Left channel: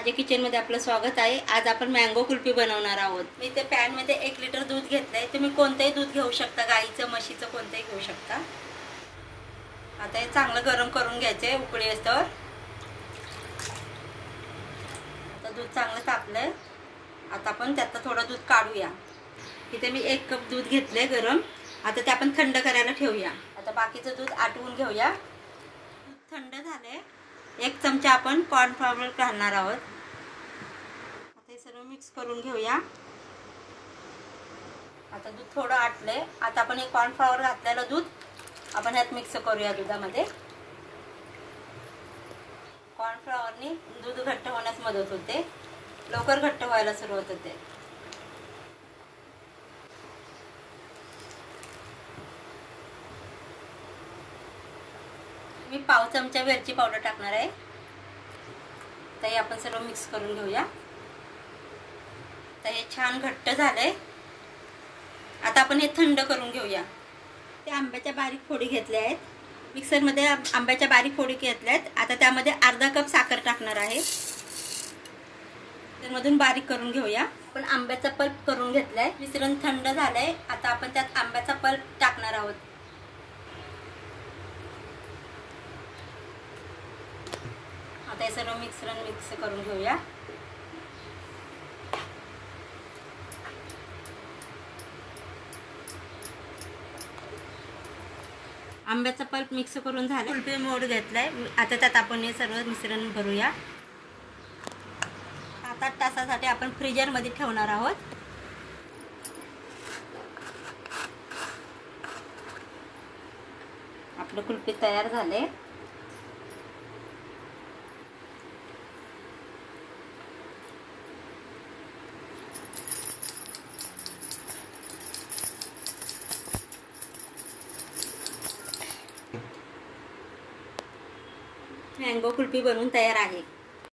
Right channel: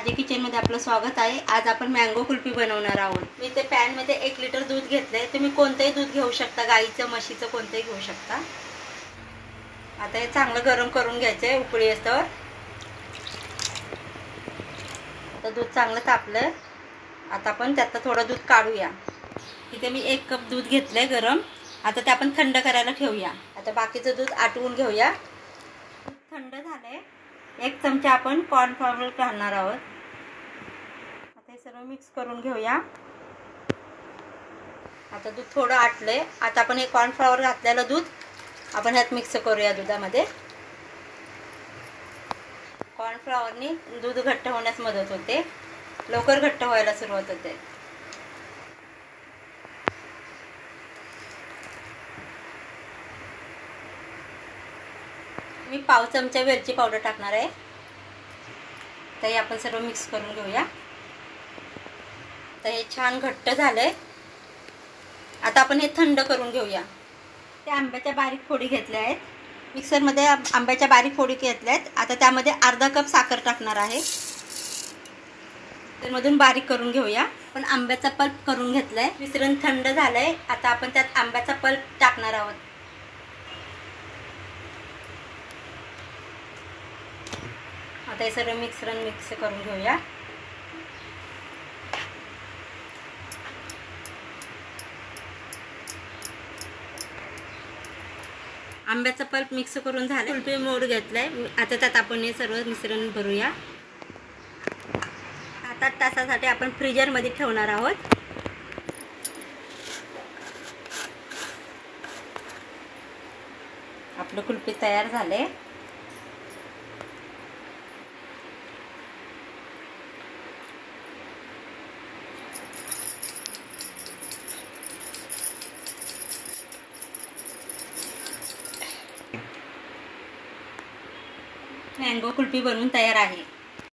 माझ्या किचनमध्ये आपलं स्वागत आहे। आज आपण मँगो कुल्फी बनवणार आहोत। मी ते पॅन मध्ये 1 लिटर दूध घेतलंय। तुम्ही कोणतेही दूध घेऊ शकता, गाईचं म्हशीचं कोणतेही घेऊ शकता। आता हे चांगलं गरम करून घ्यायचंय उकळी येतोवर। आता दूध चांगलं तापलंय। आता आपण त्यात थोडं दूध काढूया। इथे मी 1 कप दूध घेतलंय गरम। आता ते आपण थंड करायला ठेवूया। आता बाकीचं दूध आटवून घेऊया। थंड झालंय। 1 चमचा आपण कॉर्नफ्लॉवर घालणार आहोत। आता हे सर्व मिक्स करून घेऊया। आता दूध थोडं आटलंय। आता आपण हे कॉर्नफ्लॉवर घातलेलं दूध आपण ह्यात मिक्स करूया दुधामध्ये। कॉर्नफ्लॉवरनी दूध घट्ट होण्यास मदत होते, लवकर घट्ट व्हायला सुरुवात होते। मी पाव चमचा वेलची पावडर टाकणार आहे। तर हे आपण सर्व मिक्स करून घेऊया। तर हे छान घट्ट झालंय। आता आपण हे थंड करून घेऊया। ते आंब्याच्या बारीक फोडी घेतल्या आहेत। मिक्सर मध्ये आंब्याच्या बारीक फोडी घेतल्या आहेत। आता त्यामध्ये अर्धा कप साखर टाकणार आहे। त्यामधून बारीक करून घेऊया। आपण आंब्याचा पल्प करून घेतलाय। मिश्रण थंड झालंय। आता आपण त्यात आंब्याचा पल्प टाकणार आहोत। आता हे सर्व मिश्रण मिक्स करून घेऊया। आंब्याचा पल्प मिक्स करून झालं। कुल्फी मोड घेतलाय। आता त्यात आपण हे सर्व मिश्रण भरूया। 7-8 तासासाठी आपण फ्रीजर मध्ये ठेवणार आहोत। आपलं कुल्फी तयार झाले। मँगो कुल्फी बनवून तयार आहे।